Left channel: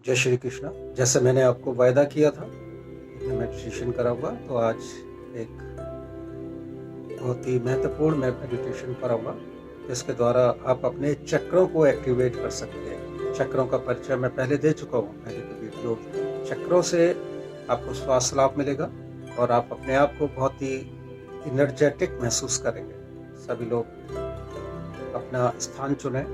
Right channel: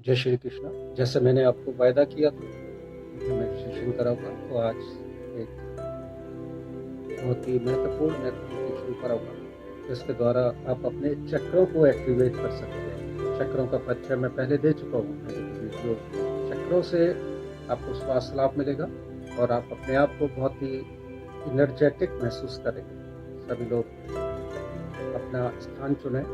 जय श्री कृष्ण। जैसे मैंने आपको वायदा किया था कि मैं मेडिटेशन कराऊंगा, तो आज एक बहुत ही महत्वपूर्ण मैं मेडिटेशन कराऊंगा जिसके द्वारा आप अपने चक्रों को एक्टिवेट कर सकते हैं। चक्रों का परिचय मैं पहले दे चुका हूँ मेरे वीडियो। चक्रों से आपको श्वास लाभ मिलेगा और आप अपने आप को बहुत ही इनर्जेटिक महसूस करेंगे। सभी लोग अपना स्थान चुनें।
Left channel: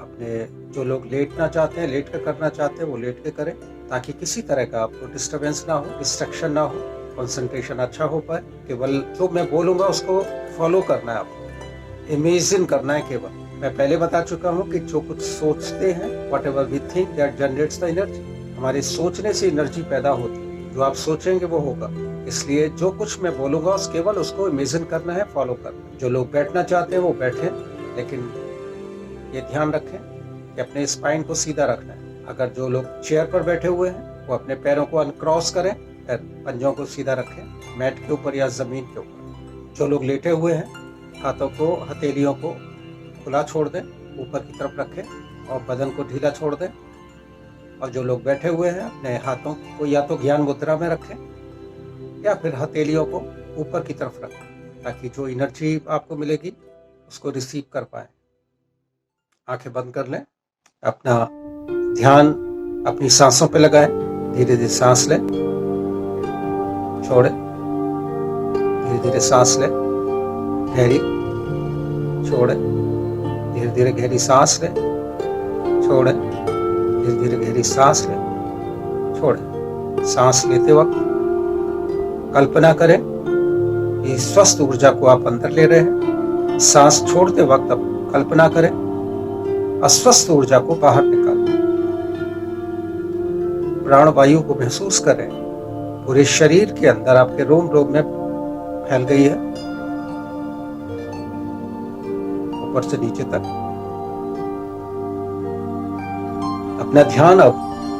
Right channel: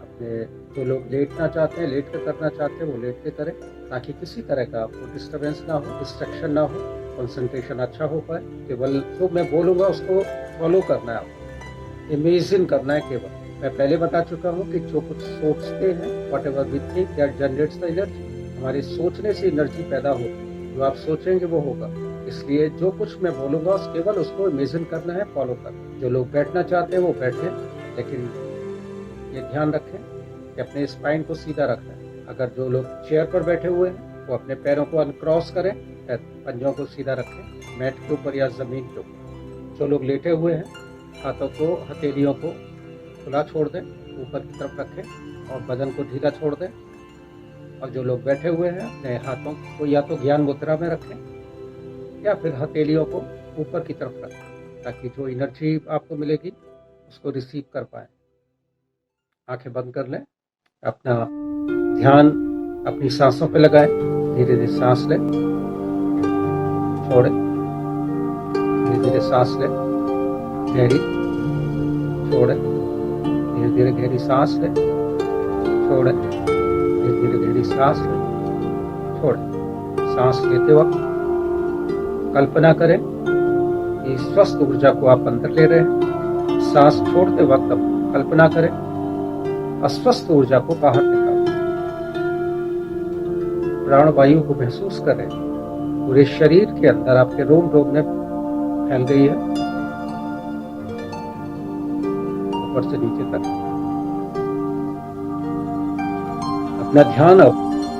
अपने जो लोग लेटना चाहते हैं, लेट कर करना चाहते हैं, वो लेट के करें ताकि किसी तरह का आपको डिस्टरबेंस ना हो, डिस्ट्रक्शन ना हो, कंसंट्रेशन अच्छा हो पाए। केवल जो मैं बोलूँगा उसको फॉलो करना है, आपको इमेजिन करना है। केवल मैं पहले बता चुका हूँ कि जो कुछ सोचते हैं, whatever we think that generates the energy. हमारे सोचने से एनर्जी पैदा होती है। जो आप सोचेंगे वो होगा। इसलिए जो कुछ मैं बोलूँगा केवल उसको इमेजिन करना है, फॉलो करना। जो लोग बैठना चाहते हैं वो बैठें, लेकिन ये ध्यान रखें कि अपने स्पाइन को सीधा रखना है। अगर जो लोग चेयर पर बैठे हुए हैं वो अपने पैरों को अनक्रॉस करें, पंजों को सीधा रखें मैट के ऊपर या जमीन के ऊपर। जो लोग लेटे हुए हैं हाथों को, हथेलियों को खुला छोड़ दें, ऊपर की तरफ रखें और बदन को ढीला छोड़ दें। और जो लोग बैठे हुए हैं अपने हाथों को या तो ज्ञान मुद्रा में रखें या फिर हथेलियों को ऊपर की तरफ रखें ताकि जो एनर्जी आपको मिलेगी उसको रिसीव कर पाए। आंखें बंद कर लें। अपना ध्यान अपनी सांसों पे लगाएं। धीरे धीरे सांस लें, छोड़ें, धीरे धीरे सांस लें, गहरी, छोड़ें, धीरे धीरे गहरी सांस लें, छोड़ें, धीरे धीरे गहरी सांस लें, छोड़ें। सांस लेते वक्त कल्पना करें कि स्वस्थ ऊर्जा को आप अंदर ले रहे हैं। सांस छोड़ते वक्त अब कल्पना करें अस्वस्थ ऊर्जा को बाहर निकालें। प्राणवायु को महसूस करें, पूरे शरीर के अंदर आपके रोम रोम में फैल गई है, ऊपर से नीचे तक। अपना ध्यान अब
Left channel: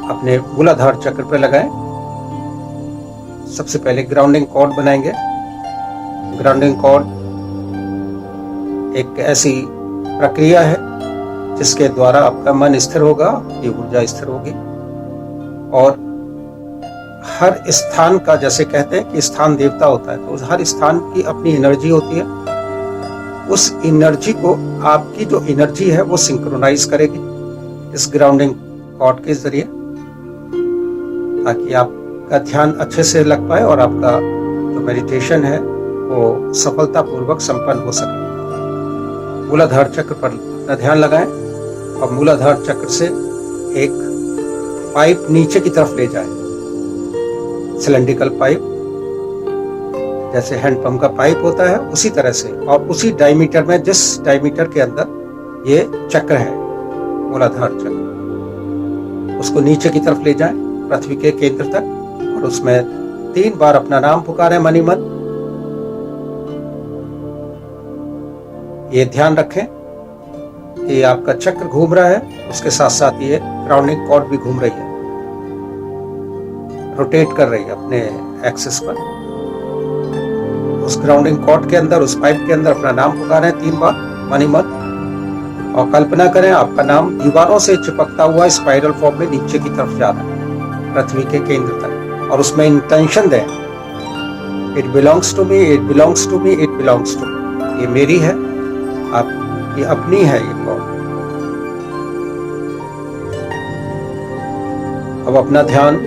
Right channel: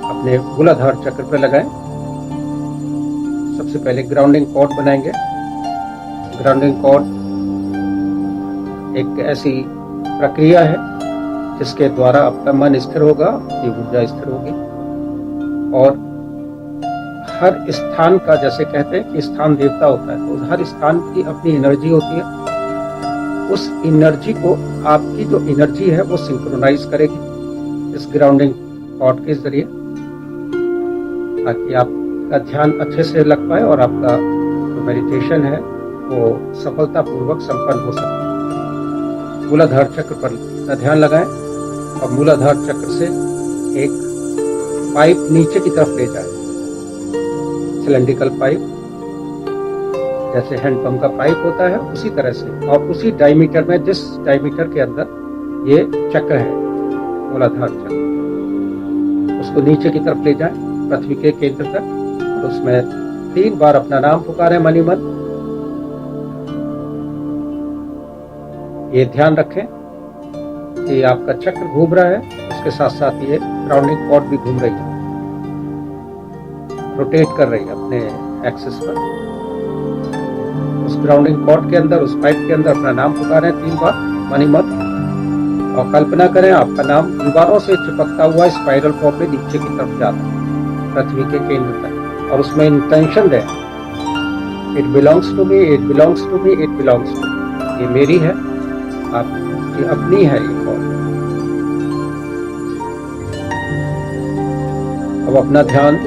अपने मूलाधार चक्र पर लगाएं। सबसे पहले ग्राउंडिंग कॉर्ड बनाएंगे। ग्राउंडिंग कॉर्ड एक ऐसी प्रक्रिया है जिसके द्वारा आपका मन स्थिर होगा, ये ऊर्जा स्थिर होगी और हर स्थान का, जैसे कहते हैं कि स्थान देवता होता है, तो हर स्थान की अपनी एनर्जी होती है। उस एनर्जी को, आपकी जो एनर्जी है वो सिंक्रोनाइज करेगी इस ग्राउंडिंग कॉर्ड के जरिए, ताकि आपका ध्यान अच्छे से लग पाए और आपका जो मेडिटेशन है वो सफलतापूर्वक संपन्न हो सके। मूलाधार चक्र पर अपना ध्यान लगाएं और मूलाधार चक्र से एक पाइप नीचे की तरफ ले जाएं। सिलेंड्रिकल पाइप, जैसे हैंडपंप का पाइप होता है उसी तरह से, और उसी डायमीटर में, जिस डायमीटर के अंदर ये चक्र है, मूलाधार चक्र, उसको नीचे की तरफ ले जाएं पृथ्वी के केंद्र तक और उसमें 3 बार अपना नाम पुकारें मनी मन। ये ध्यान रखें कि आपका चक्र घूम रहा है, उसके साथ साथ ये ग्राउंडिंग कॉर्ड भी घूम रही है, रोटेट कर रही है अपने एक्सिस पर। उस ग्राउंडिंग कॉर्ड के अंदर, उस पाइप के अंदर अपना नाम पुकारें 3 बार मनी मन और कल्पना करें आपका नाम दीवारों से चिपकता हुआ स्पाइरल फॉर्म में नीचे की तरफ जा रहा है पृथ्वी के केंद्र तक, और उसमें इंटेंशन दें, it belongs to me, it belongs to me, it belongs to me. ये मेरी है, आपकी अपनी है ये कॉर्ड। अब अपना ध्यान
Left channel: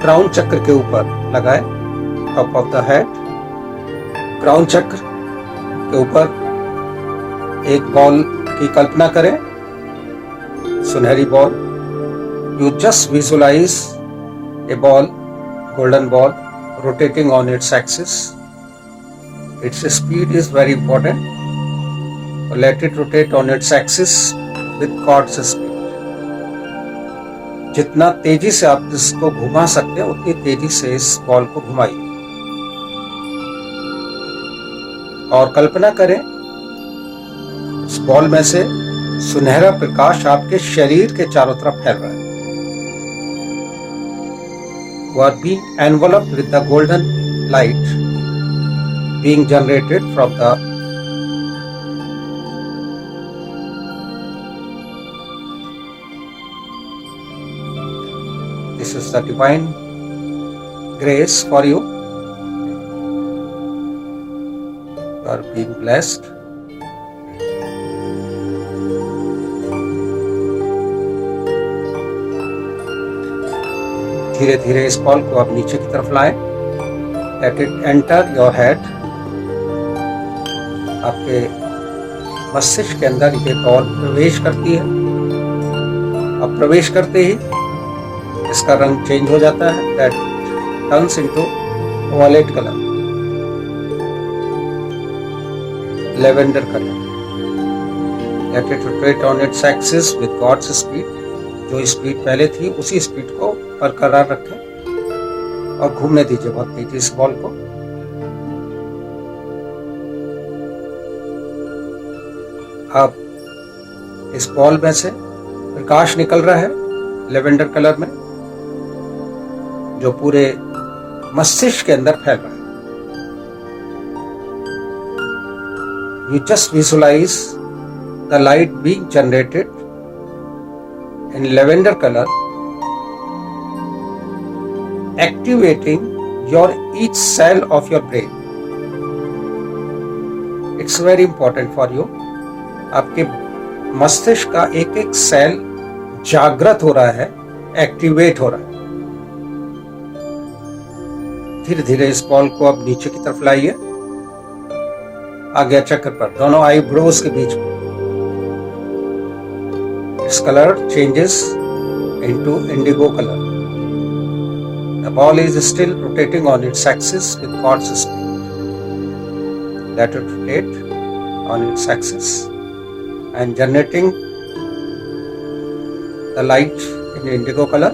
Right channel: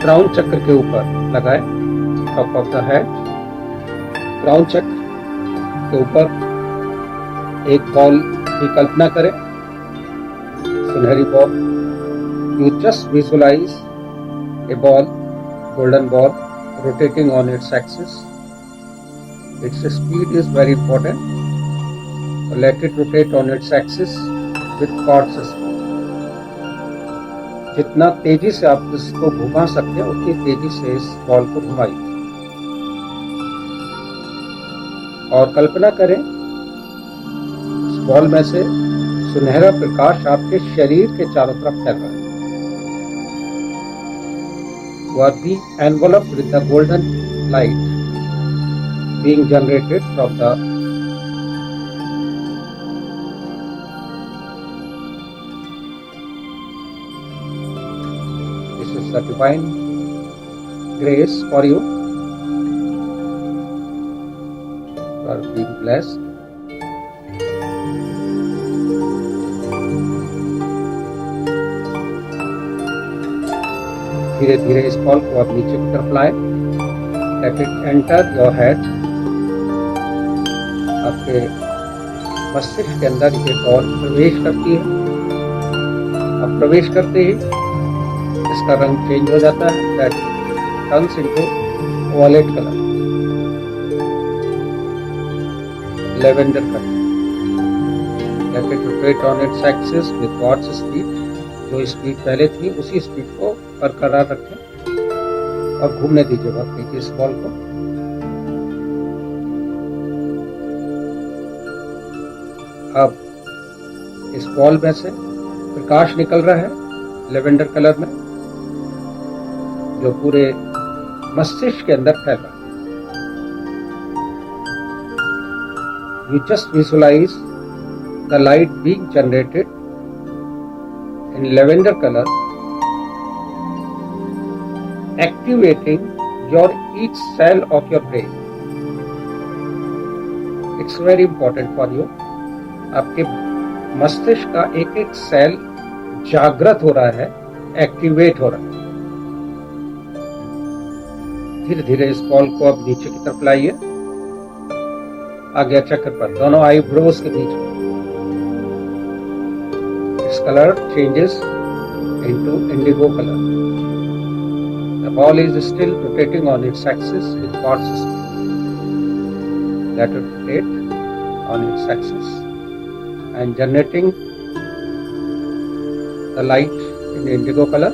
क्राउन चक्र के ऊपर लगाएं, top of the head. Crown चक्र के ऊपर एक बॉल की कल्पना करें, सुनहरी ball. You just visualise a ball, golden ball, rotating on its axis. Its speed is very important. Let it rotate on its axis with God's speed. जितना तेजी से आप इसको घुमा सकते हैं उतनी तेजी से इस बॉल को घुमाइए और कल्पना करें इस बॉल में से सुनहरा प्रकाश आपके शरीर के चारों तरफ फैल रहा है। You are being enveloped with the golden light being generated from the This is the divine grace for you. You are being blessed. धीरे धीरे इस बॉल को आप नीचे की तरफ लाएं. Let it enter your head. आपके मस्तिष्क के अंदर ये बॉल प्रवेश करती है. अब प्रवेश करते ही इसका रंग चेंज हो जाता है. That turns into violet color, lavender color. Let it rotate on its axis with God's speed. जो स्पीड पहले थी उसी स्पीड को बरकरार रखें और घूमने दीजिए बहुत तेजी इस बॉल को. अब इस बॉल में से प्रकाश निकल रहा है लेवेंडर कलर में, जो पूरे मस्तिष्क के अंदर फैल रहा है. You just visualize the light being generated in lavender color, activating your each cell of your brain. It's very important for you. आपके मस्तिष्क का एक एक सेल जागृत हो रहा है, एक्टिवेट हो रहा है. धीरे धीरे इस बॉल को अब नीचे की तरफ लाइए, आज्ञा चक्र पर, दोनों आईब्रोज के बीच में. Its color changes into indigo color. The ball is still rotating on its axis with God's speed. Let it rotate on its axis and generating the light in indigo color,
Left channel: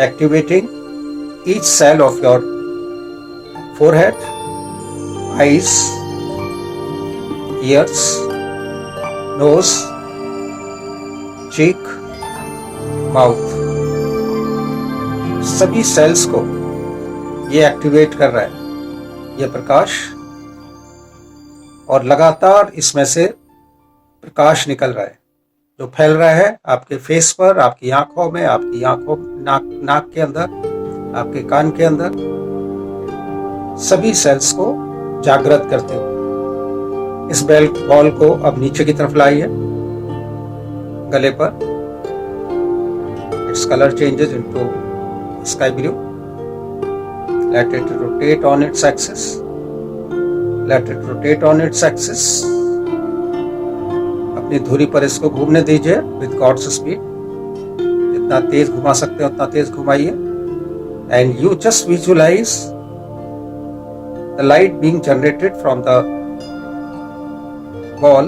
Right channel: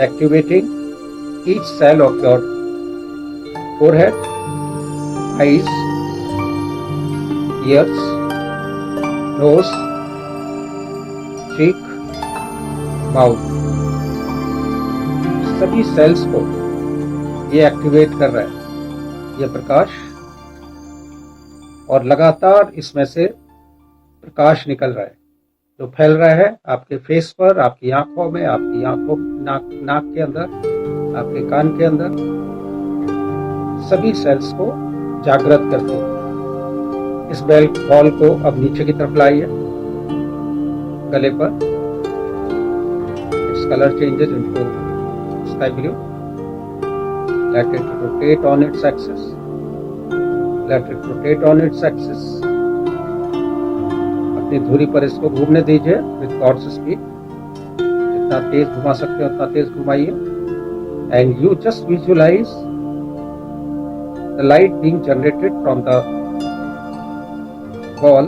activating each cell of your forehead, eyes, ears, nose, cheek, mouth. सभी sales को ये activate कर रहा है ये प्रकाश, और लगातार इसमें से प्रकाश निकल रहा है जो फैल रहा है आपके फेस पर, आपकी आंखों में, आपकी आंखों नाक के अंदर, आपके कान के अंदर, सभी सेल्स को जागृत करते हुए. इस बॉल को अब नीचे की तरफ लाइए गले पर. Its color changes into sky blue. Let it rotate on its axis. Let it rotate on its axis. अपनी धुरी पर इसको घूमने दीजिए with God's speed. जितना तेज घुमा सकते हैं उतना तेज घुमाइए. And you just visualize the light being generated from the ball,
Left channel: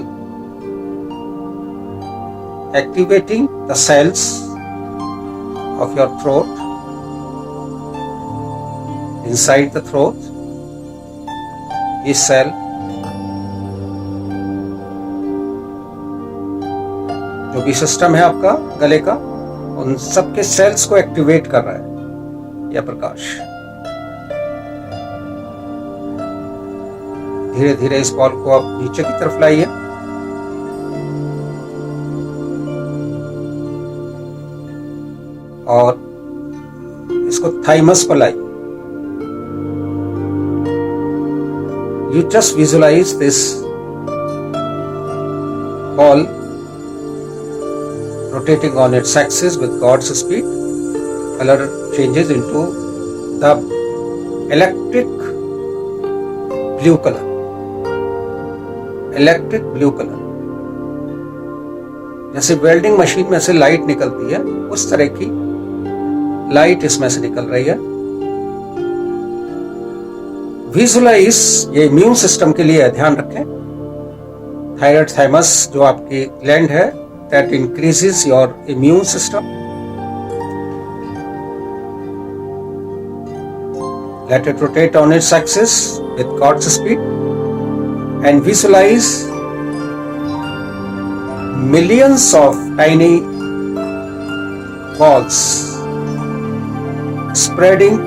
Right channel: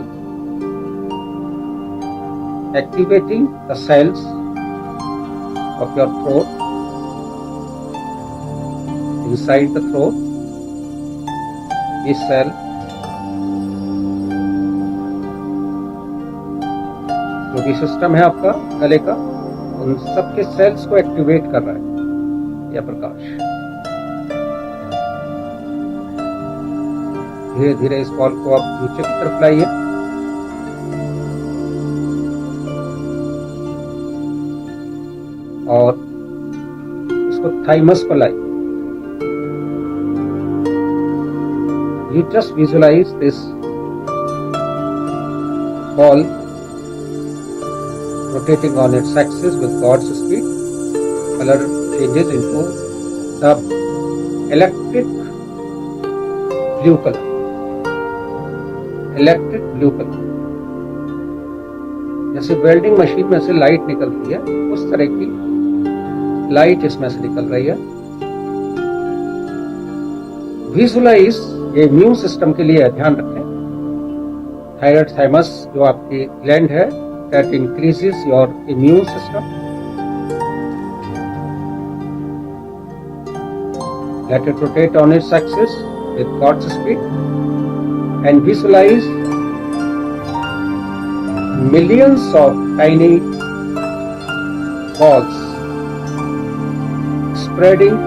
activating the cells of your throat, inside the throat, each cell, जो भी सिस्टम है आपका गले का, उन सबके सेल्स को एक्टिवेट कर रहा है यह प्रकाश. धीरे धीरे इस बॉल को आप नीचे की तरफ लाइए, और इसको थाइमस पर लाइए. You just visualize this ball rotating on its axis with God's speed. Color changes into the electric blue color. Electric blue color. जैसे वेल्डिंग मशीन में से लाइट निकलती है, उस तरह की लाइट इसमें से निकल रही है. विजुअलाइज, ये इम्यून सिस्टम के लिए ध्यान रखें. थायराइड थाइमस जो आपकी ग्लैंड है, that increases your immune system. Let it rotate on its axis with God's speed and visualise millions of tiny balls spreading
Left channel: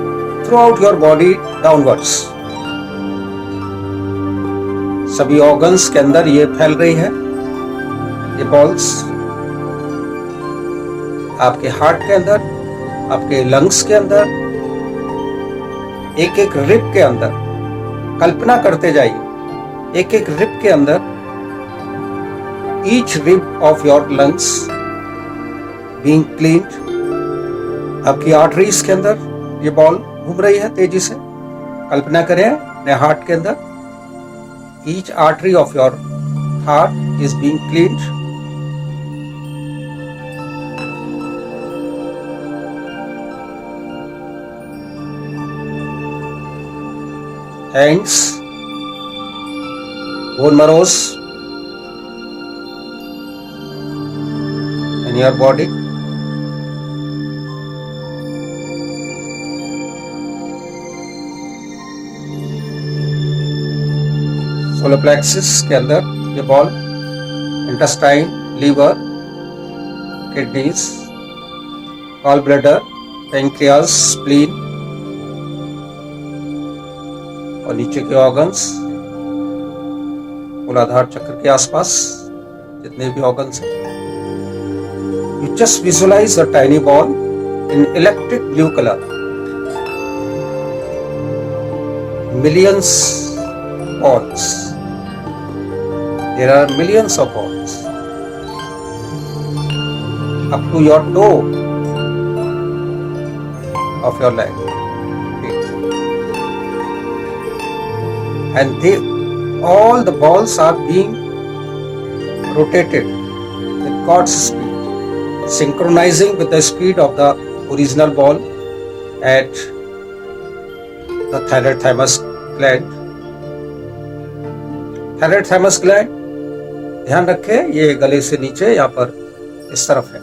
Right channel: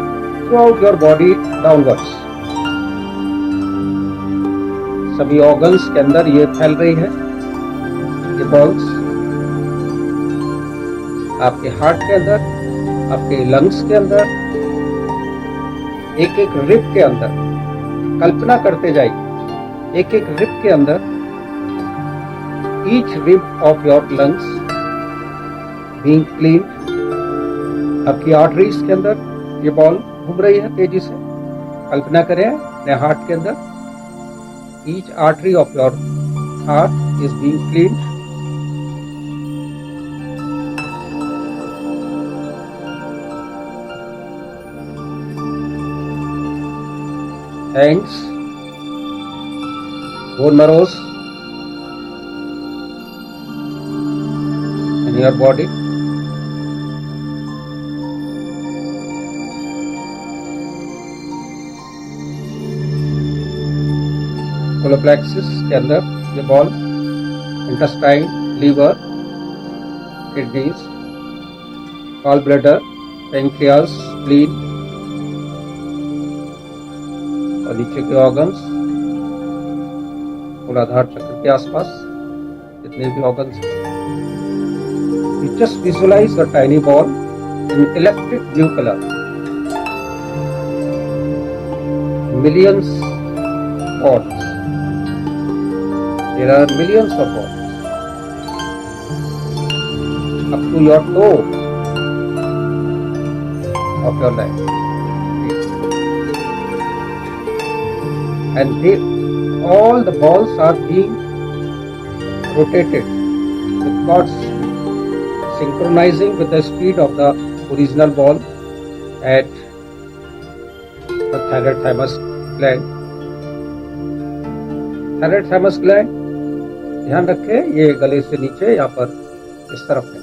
throughout your body downwards. सभी organs के अंदर ये फैल रही है ये बॉल्स. आपके हार्ट के अंदर, आपके लंग्स के अंदर, एक एक रिब के अंदर कल्पना करते जाइए, एक एक रिब के अंदर, each rib of your lungs being cleaned. आपकी आर्टरीज के अंदर ये बॉल घूम रही है तेजी से। कल्पना करें अपने हार्ट के अंदर, each artery of your heart is being cleaned. Hands, bone marrows in your body. Solar plexus के अंदर ये ball, intestine, liver, kidneys, gall bladder, pancreas, spleen और नीचे के ऑर्गन्स, मूलाधार चक्र के आसपास जितने भी ऑर्गन्स हैं। You just visualise a tiny ball in electric blue colour, millions balls. There are millions of balls up to your toe of your leg, and all the balls are being rotated with God's speed, synchronizing with the speed of the original ball at the thyroid thymus gland. Thyroid thymus gland, ध्यान रखें ये गले से नीचे, यहाँ पर इस तरफ है,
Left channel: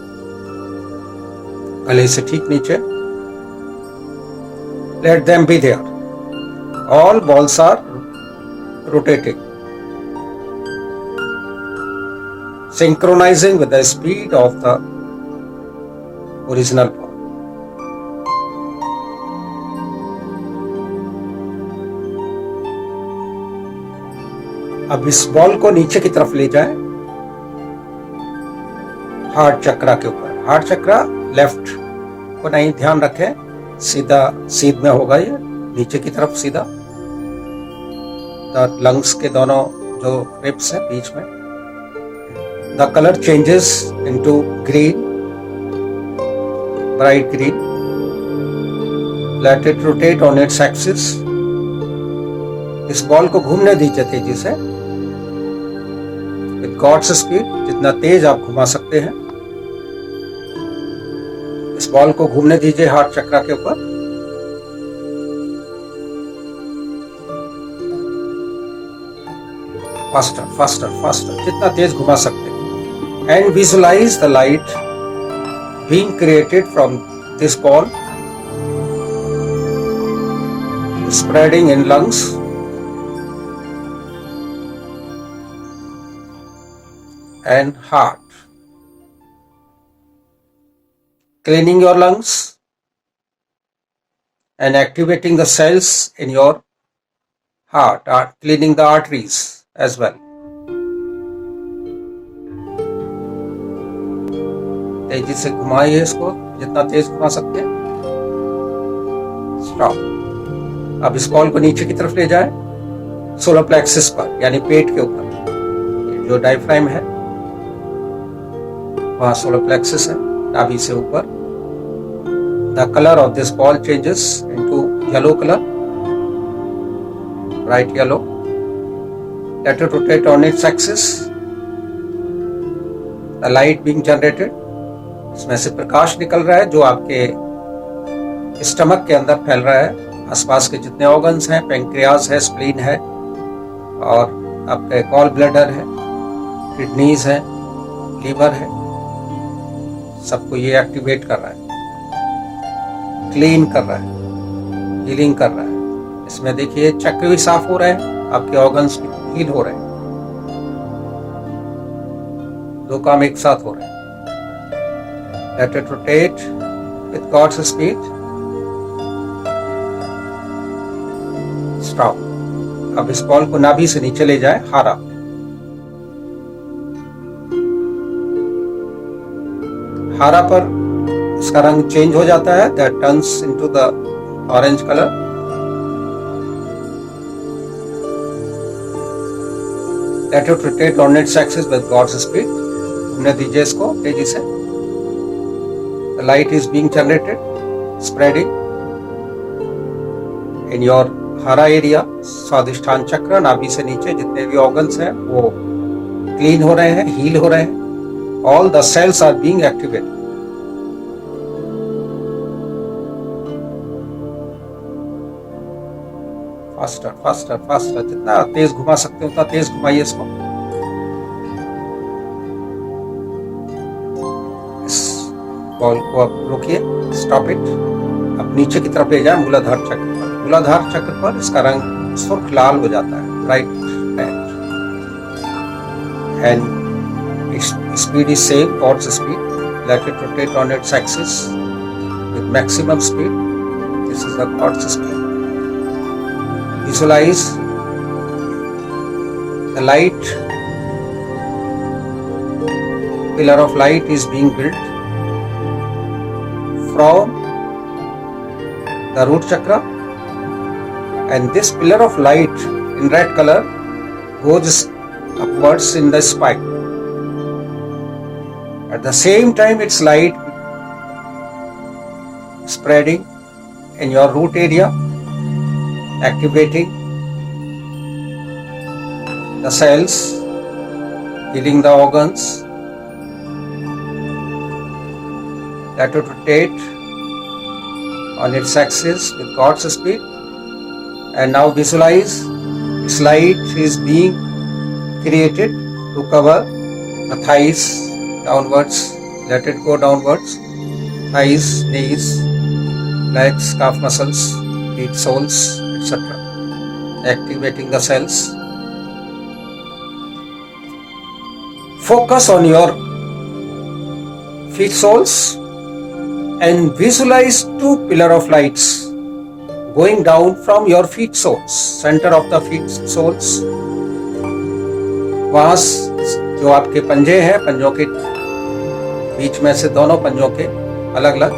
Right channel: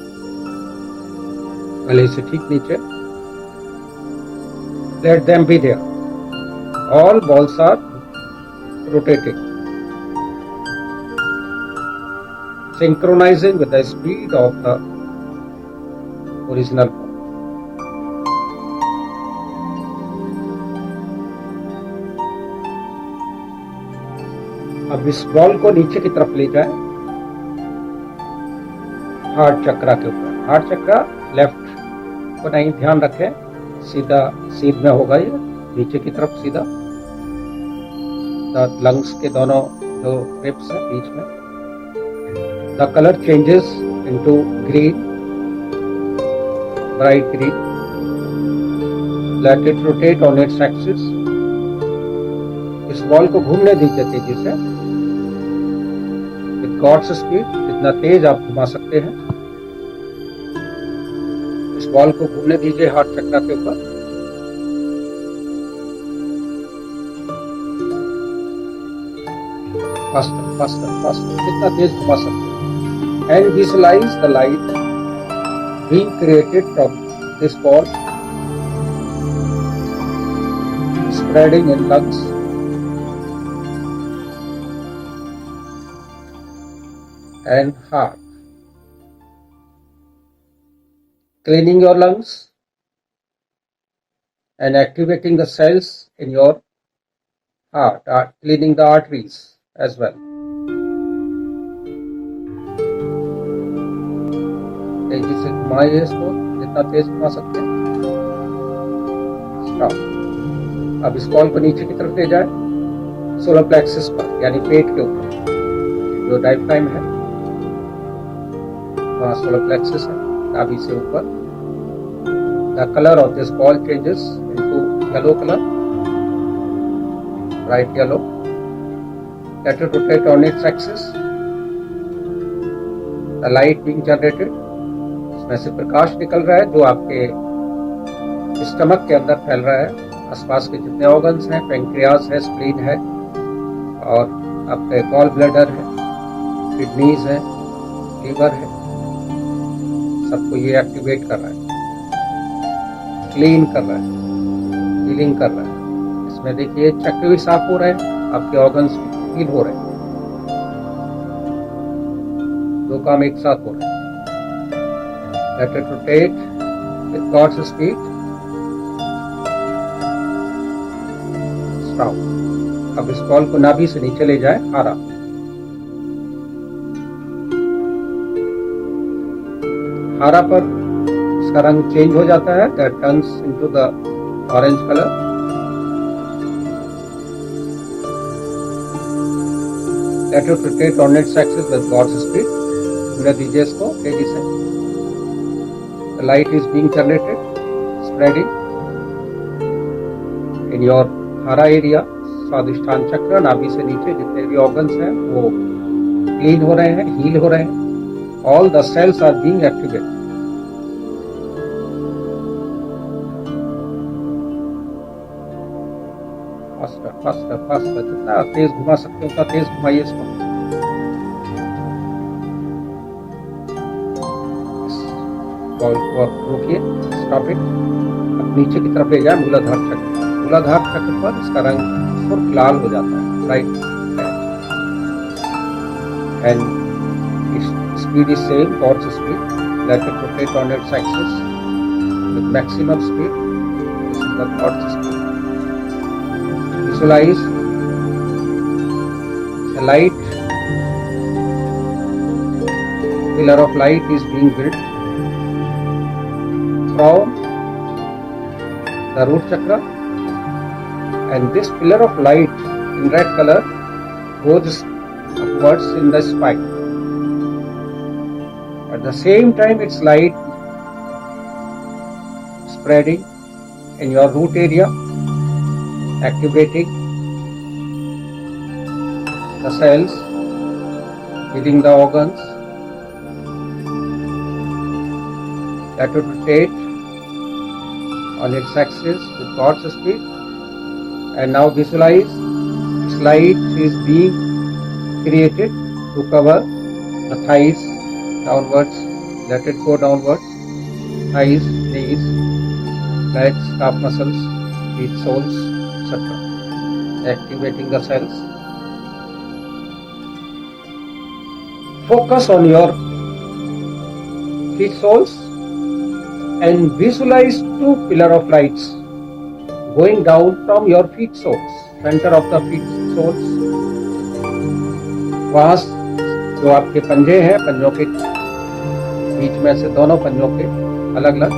गले से ठीक नीचे। Let them be there. All balls are rotating, synchronizing with the speed of the original ball. अब इस बॉल को नीचे की तरफ ले जाए, हार्ट चक्रा के ऊपर। हार्ट चक्रा लेफ्ट को नहीं, ध्यान रखें सीधा सीध में होगा ये, नीचे की तरफ सीधा। लंग्स के दोनों जो रिब्स हैं बीच में, the colour changes into green, bright green. Late it rotate on its axis. इस बॉल को घूमने दीजिए तेजी से, विद गॉड्स स्पीड, जितना तेज आप घुमा सकते हैं। इस बॉल को घूमने दीजिए हार्ट चक्रा के ऊपर। फास्टर फास्टर फास्टर, जितना तेज घुमा सकते हैं। And visualise the light being created from this ball, spreading in lungs and heart, cleaning your lungs and activating the cells in your heart, cleaning the arteries as well. तेजी से घुमाइए इसको, जितना तेज घुमा सकते हैं। स्टॉप। अब इस बॉल को नीचे की तरफ ले जाए, सोलर प्लेक्सिस पर, यानी पेट के ऊपर। जो डायफ्राम है वहाँ सोलर प्लेक्सिस है, नाभि से ऊपर। The colour of this ball changes into yellow colour, bright yellow. Late it rotate on its axis. The light being generated, इसमें से प्रकाश निकल रहा है जो आपके स्टमक के अंदर फैल रहा है। आसपास के जितने ऑर्गन्स हैं, पैंक्रियाज है, स्प्लीन है, और आपके गॉल ब्लैडर है, किडनीज है, लीवर है, सबको ये एक्टिवेट कर रहा है, क्लीन कर रहा है, हीलिंग कर रहा है। इसमें देखिए चक्र भी साफ हो रहे हैं, आपके ऑर्गन्स भी हील हो रहे हैं। दो काम एक साथ हो रहे हैं। Let it rotate with God's speed. Stop. अब इस बॉल को नाभि से नीचे ले जाए, हारा। हारा पर उसका रंग चेंज हो जाता है, that turns into the orange colour. Let it rotate on its axis with God's speed. घूमने दीजिए इसको तेजी से। The light is being generated, spreading in your हरा एरिया, स्वादिष्ठान चक्र, नाभि से नीचे जितने भी ऑर्गन्स हैं वो क्लीन हो रहे हैं, हील हो रहे हैं। All the cells are being activated. Faster faster faster, जितना तेज घुमा सकते हो उतना तेज घुमाइए इसको। इस बॉल को आप रोकिए, स्टॉप इट। अब नीचे की तरफ ले जाए मूलाधार चक्र। मूलाधार चक्र पर इसका रंग सुर्ख लाल हो जाता है, bright red, and its speed is same, God's speed. Let it rotate on its axis with maximum speed. This is the God's speed. Visualize the light, pillar of light is being built from the root chakra, and this pillar of light in red color goes upwards in the spine. At the same time, its light spreading in your root area, activating the cells, healing the organs. Let it rotate on its axis with God's speed. And now visualize this light is being created to cover the thighs downwards. Let it go downwards. Thighs, knees, legs, calf muscles, feet soles, etc. Activating the cells. Focus on your feet soles and visualize two pillar of lights going down from your feet soles, center of the feet soles. वहां जो आपके पंजे हैं, पंजों के बीच में से दोनों पंजों के अलग अलग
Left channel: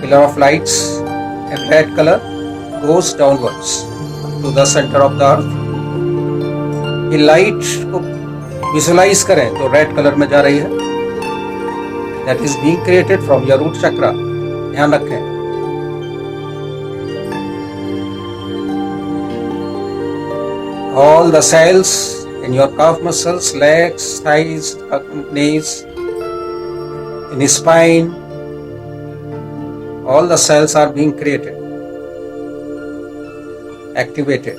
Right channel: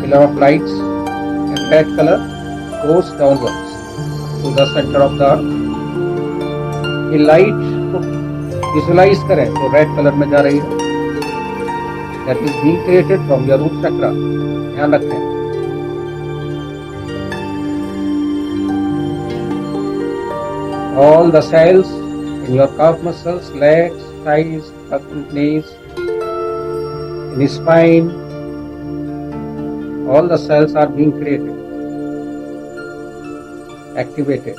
pillar of lights in red color goes downwards to the center of the earth. ये लाइट को विजुलाइज करें तो रेड कलर में जा रही है, that is being created from your root chakra. ध्यान रखें। All the cells in your calf muscles, legs, thighs, knees, in the spine, all the cells are being created, activated,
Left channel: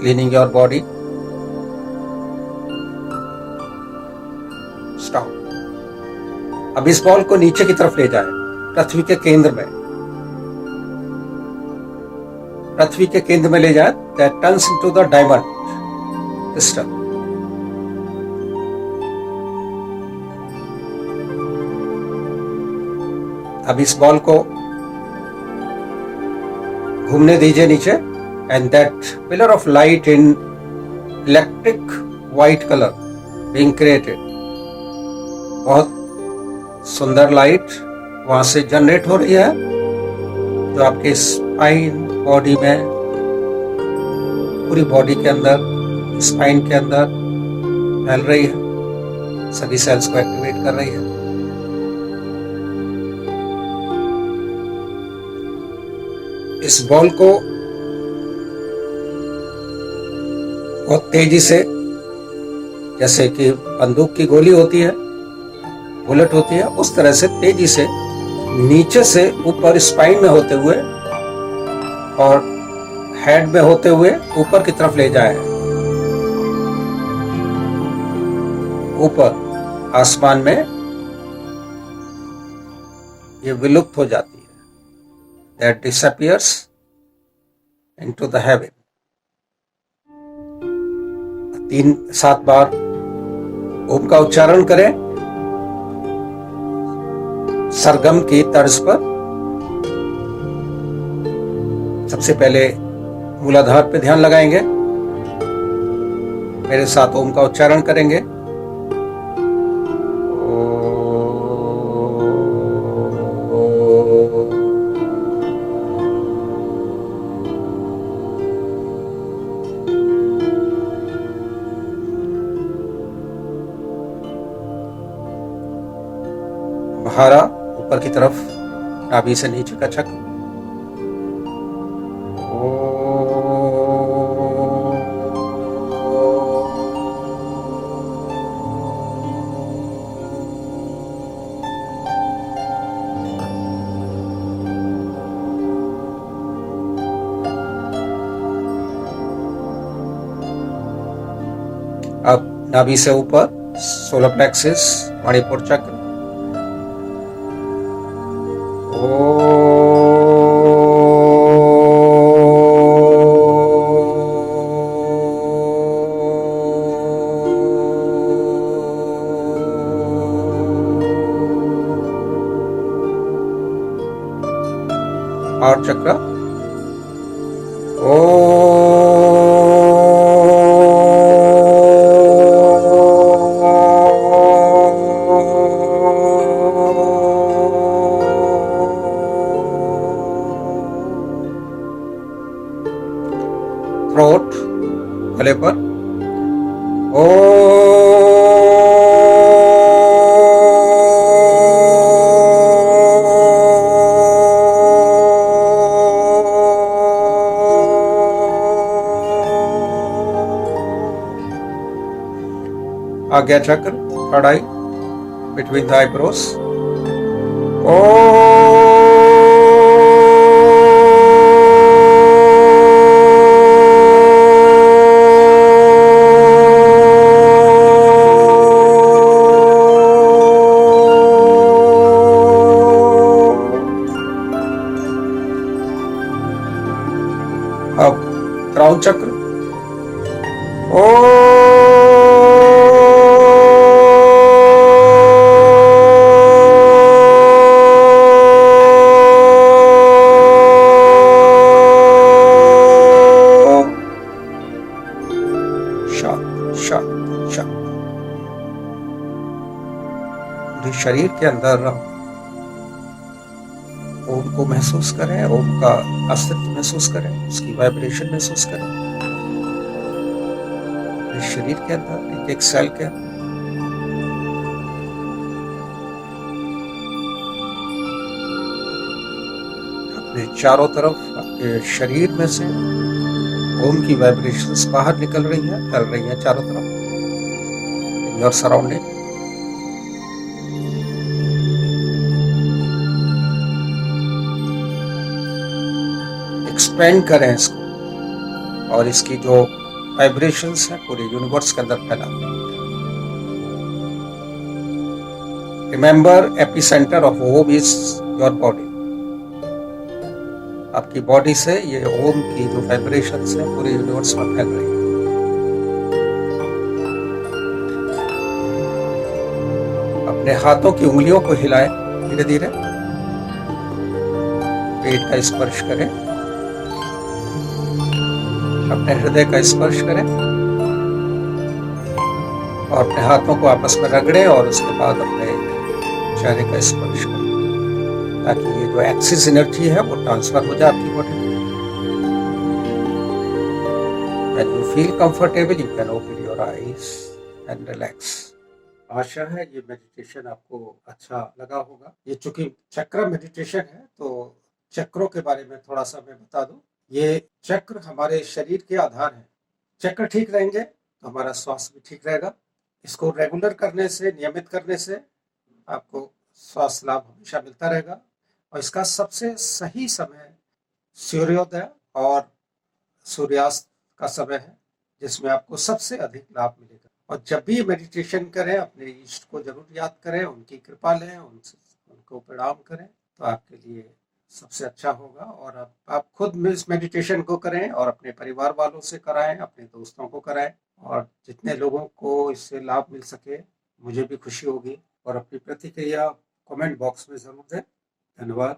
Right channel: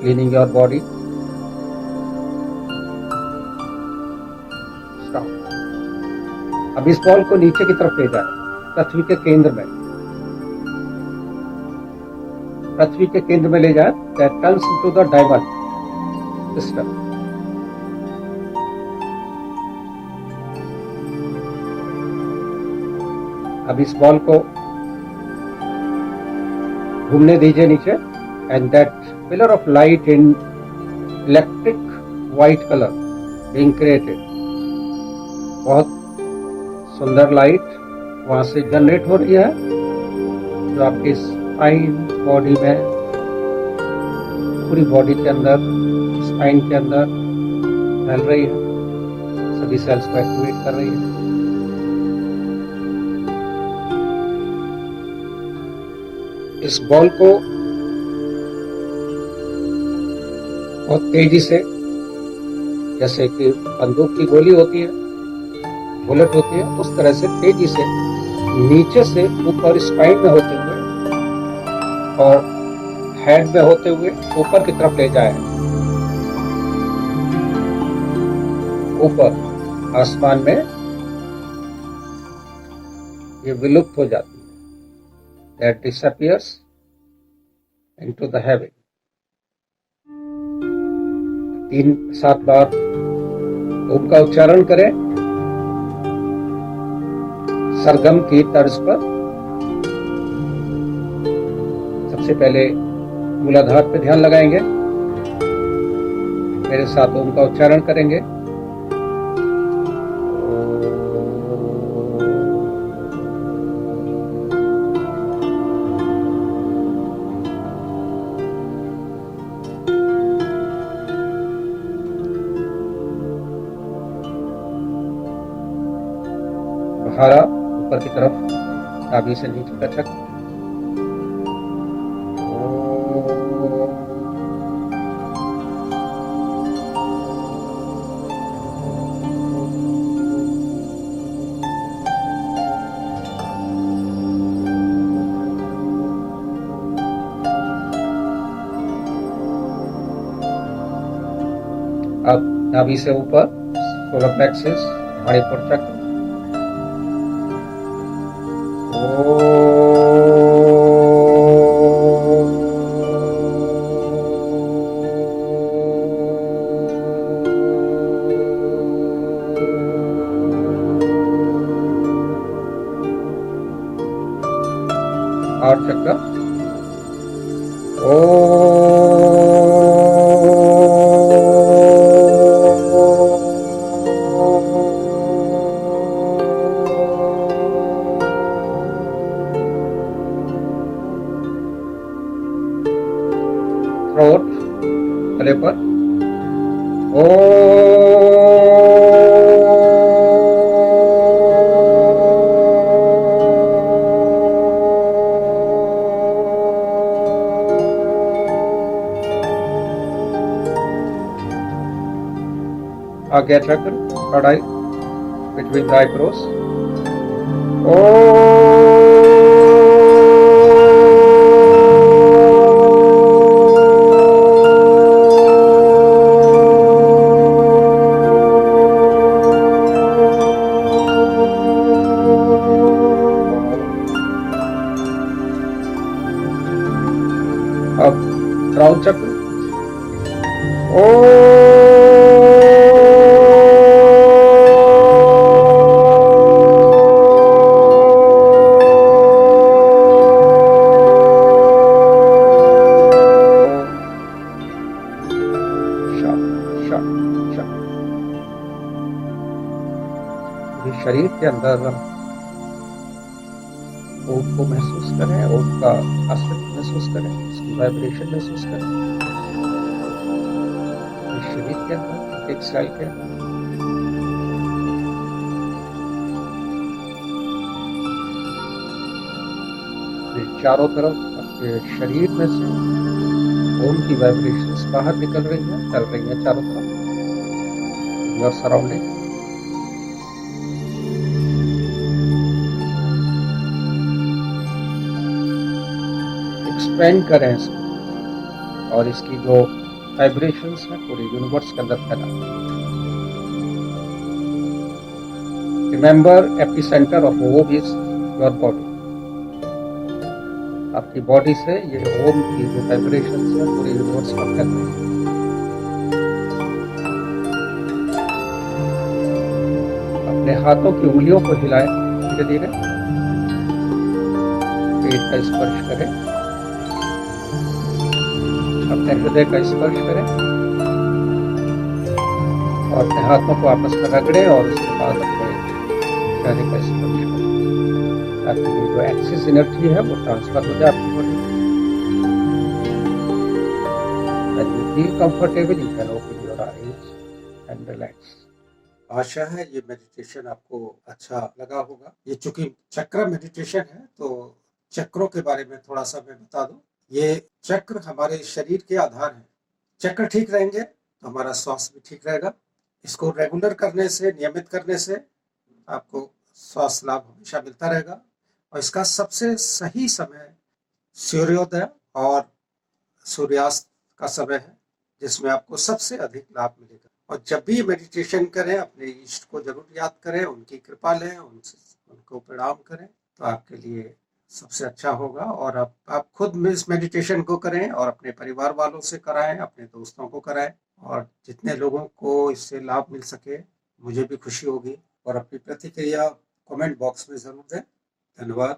cleaning your body. Stop. अब इस ball को नीचे की तरफ ले जाएं, पृथ्वी के केंद्र में। पृथ्वी के केंद्र में ले जाए, that turns into the diamond crystal. अब इस बॉल को घूमने दीजिए नीचे, and that pillar of light in electric white color being created. बहुत सुंदर लाइट वहां से जनरेट हो रही है जो आपके स्पाइन, बॉडी में, पूरी बॉडी के अंदर, स्पाइन के अंदर फैल रही है, सभी सेल्स को एक्टिवेट कर रही है। इस बॉल को बहुत तेजी से, जैसे कि बंदूक की गोली होती है, बुलेट होती है, उस तरह से तेजी से नीचे से ऊपर स्पाइन में होते हुए और हेड में होते हुए ऊपर की तरफ ले जाए, ऊपर आसमान में ये विलुप्त हो जाती है, that disappears into the heaven. 3-7 बार ओम का उच्चारण करें सरगम की तर्ज पर। सबसे पहले मूलाधार पे ध्यान लगाएंगे, मेरे साथ ओम का उच्चारण करेंगे। बहारा ऊपर की तरफ, नाभि से नीचे का चक्र। अब नाभि से ऊपर सोलर प्लेक्सिस, मणिपुर चक्र। और चक्र थ्रोट, गले पर आज्ञा चक्र, third I, between the eyebrows. अब क्राउन चक्र, पूरे शरीर के अंदर ओम को महसूस करें, ओम का अस्तित्व महसूस करें, उसकी वाइब्रेशन महसूस करें पूरे शरीर के अंदर, एक एक सेल के अंदर। अपने चारों तरफ, आपके शरीर में से ओम की वाइब्रेशंस बाहर निकल रही हैं, चल रही हैं चारों तरफ, इन योर सराउंडिंग। एक्सपेंड करें इसको और इसकी जो वाइब्रेशंस है पूरे यूनिवर्स के अंदर फैला। Remember, epicentre of Om is your body. आपकी बॉडी से ये ओम की जो वाइब्रेशंस है पूरे यूनिवर्स में फैल रही है। अपने हाथों की उंगलियों को हिलाएं धीरे धीरे, पेट का स्पर्श करें, अपने हृदय का स्पर्श करें और अपने हाथों को आपस में रगड़ें और उसके बाद अपने चेहरे का स्पर्श करें ताकि ये जो एक्सिस एनर्जी है वो ट्रांसफर हो जाए आपकी बॉडी में। When you feel comfortable, you can open your eyes and relax. आशा है ये मेडिटेशन आपको अच्छा लगा होगा। ये चूंकि चक्र मेडिटेशन है तो चक्रों के बारे में थोड़ा सा मैं बता दूं। ये चक्र हमारे शरीर के आधार हैं। चक्र ठीक रहेंगे तो हमारा स्वास्थ्य भी ठीक रहेगा। इसको रेगुलर करने से, नियमित करने से आपको स्वास्थ्य लाभ हमेशा मिलता रहेगा। और इसका सबसे सही समय सूर्योदय और सूर्यास्त का समय है जिसमें आपको सबसे अधिक लाभ मिलेगा। और जब भी मेडिटेशन करें अपने इष्ट को जरूर याद करें, उनकी कृपा लें, उनको प्रणाम करें तो आपके लिए सबसे अच्छा होगा। और आप खुद इस मेडिटेशन को करें और अपने परिवार वालों से कराएं, अपने दोस्तों को कराएं और जितने लोगों को इससे लाभ मिल सके मुझे भी खुशी होगी। और अपनी प्रतिक्रिया कमेंट बॉक्स में जरूर दें। धन्यवाद।